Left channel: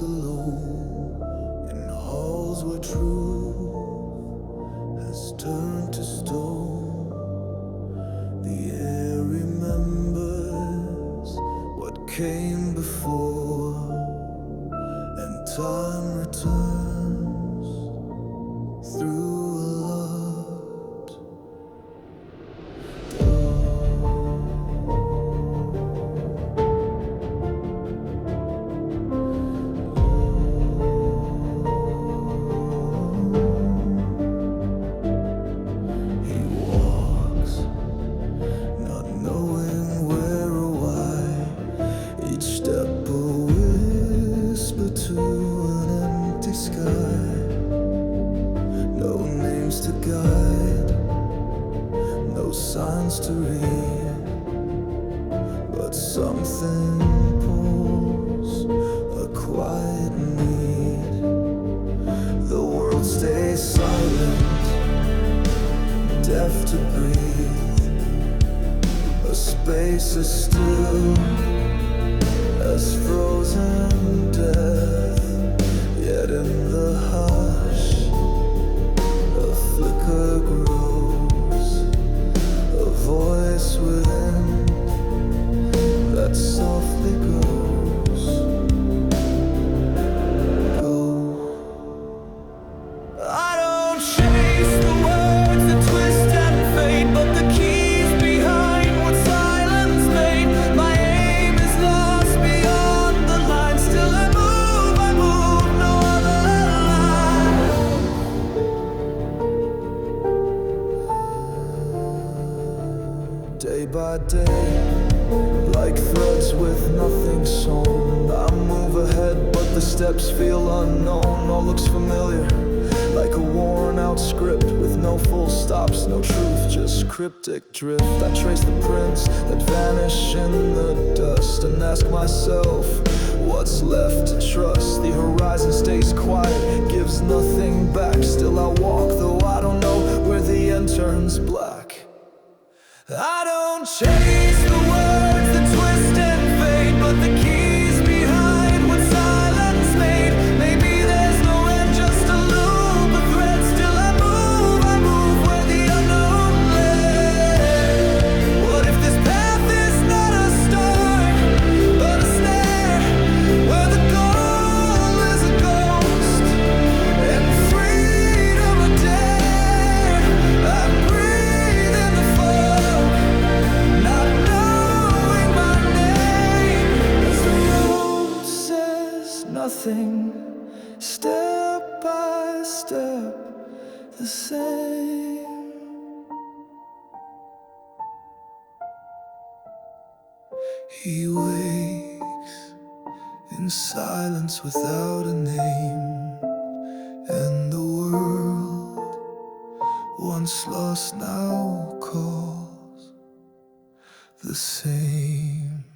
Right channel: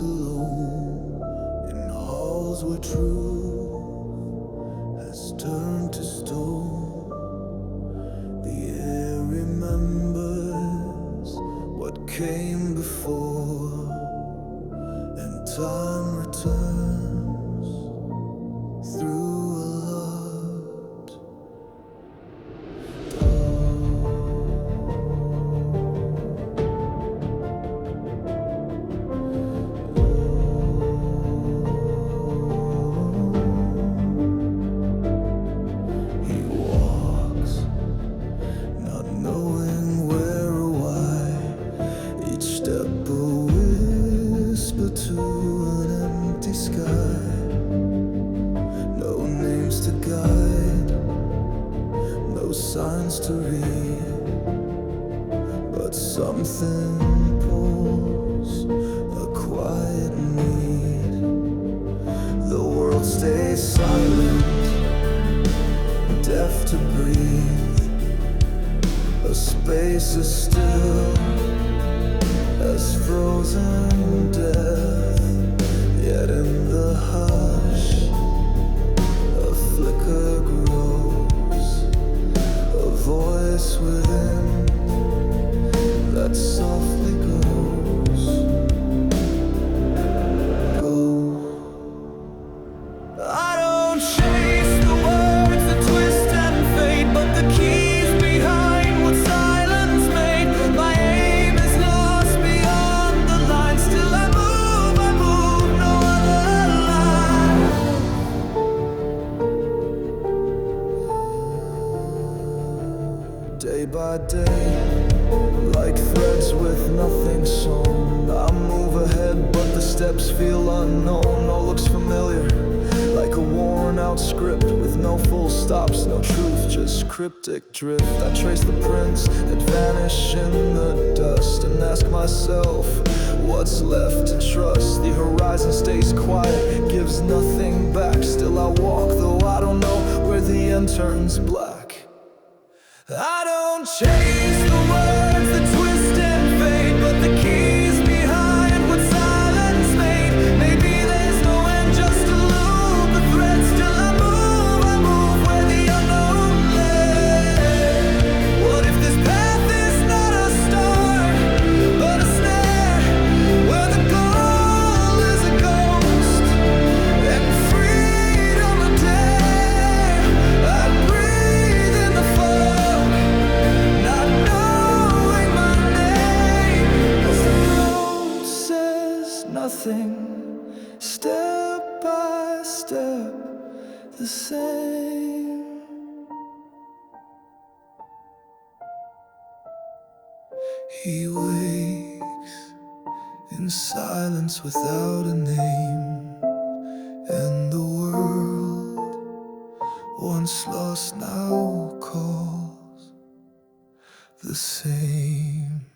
walks alone in halls where truth has turned to stone. The air remembers what came before, and time returns through a locked door. He walks, not knowing where or why, each step a whisper to an empty sky. No names to guide, no signs to read, but something pulls a quiet need. The world stays silent, deaf to breathe, a space as still as frozen death. Yet in the hush, a flicker grows, a voice within that softly goes, go. I don't chase the words that twist and fade, but the keys behind what silence made. My aim is lost beyond the line, still I move, no other line. Day by day, like threads with nothing sewn, I move ahead, but the steps feel unknown. All looks familiar, like a worn-out script with no full stops, no truth, just cryptic drift. I trace the prints that vanish in the dust and ask myself, what's left to trust? The horizon stays quiet, gives nothing back. Still I walk, though I don't know where the end turns black. I don't chase the words that twist and fade, but the keys behind what silence made. Maybe there's no end, just a loop, a thread. Still I move where the unknown lay. What if this path is not a start, but a snare, where the goal is a ghost and freedom a dare? I breathe in the fog, not knowing my name, as the road says nothing, step by step the same. He wakes in silence without a name, and the world once lost now calls the same.